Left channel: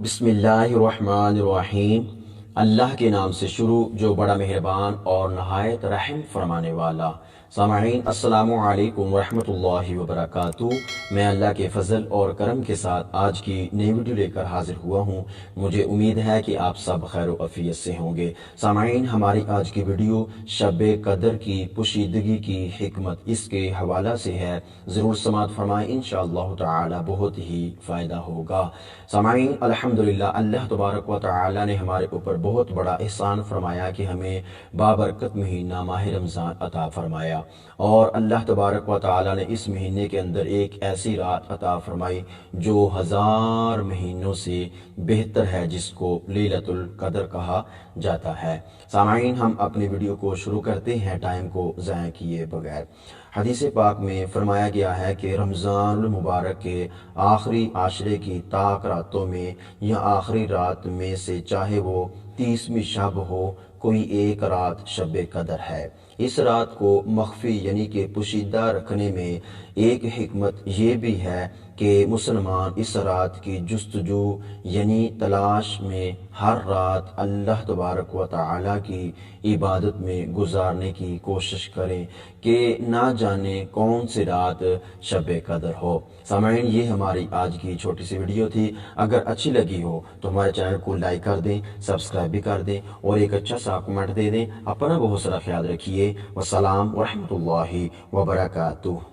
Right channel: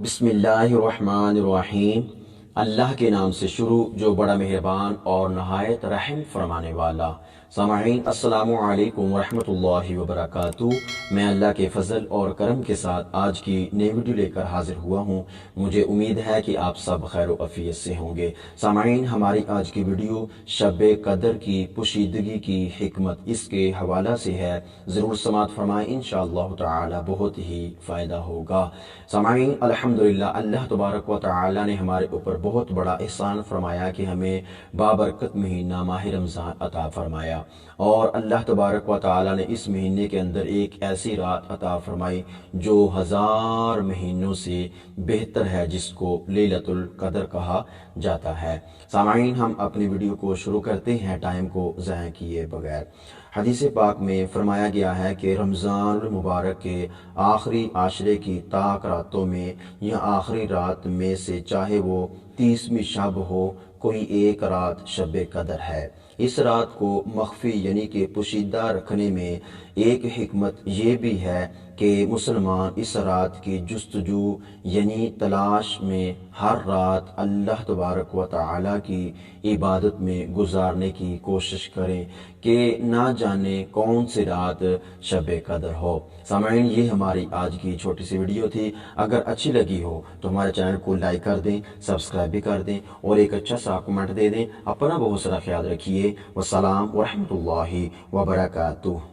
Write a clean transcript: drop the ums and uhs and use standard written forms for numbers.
बिस्मिल्लाहिर्रहमानिर्रहीम। अल्लाह के नाम से शुरू जो बड़ा मेहरबान और नहायत रहम फरमाने वाला। सामाईन अस्सलामु अलैकुम वरहमतुल्लाहि वबरकातुहू। मैं अल्लाह के फ़ज़ल और करम के साथ आज की नई वीडियो लेकर हाजिर हुआ हूँ। मुझे उम्मीद है कि आप सब खैर व अफ़ियत से होंगे। सामाईन हमारी आज की वीडियो शब कदर की पोशीदगी की हिकमत इसके हवाला से है। ज़रूर समात फरमाएँ, इंशाअल्लाह ताला बहुत ही फ़ायदा होगा। सामाईन अल्हम्दुलिल्लाह, अल्लाह तबारक व तआला ने हमारे ऊपर बहुत बड़ा एहसान फरमाया कि हमें बाबरकत महीना माह रमज़ान अता फरमाया। और अल्लाह तबारक व तआला ने इस महीने के अंदर एक ऐसी रात अता फरमाई जो 1000 महीनों से बेहतर है, जिसको लैलतुल कदर कहा जाता है। सामाईन हम अपनी वीडियो को शुरू करते हैं टाइम को ज़ाया किए बगैर। हदीस पाक में फरमाया गया है कि रमज़ानुल मुबारक के आखिरी आशरे की ताक रातों में या आखिरी रात में से चाहे वो 30वीं शब हो, कोई एक रात शब कदर है। इस रात को मख्फी यानी कि पोशीदा रखने में एक हिकमत ये भी है कि मुसलमान इस रात की जुस्तजू यानी तलाश में हर रात अल्लाह तबारक व तआला की इबादत में गुजारने की कोशिश करें कि ना जाने कौन सी रात शब कदर हो। सामाईन ये हमारी आज की छोटी सी वीडियो थी। अगर अच्छी लगी हो तो हमारे चैनल को लाइक कर दें, सब्सक्राइब भी कर दें और एक अच्छा सा कमेंट दे दें। अपना बहुत सारा ख्याल रखिए। वस्सलाम वरहमतुल्लाहि वबरकातुहू।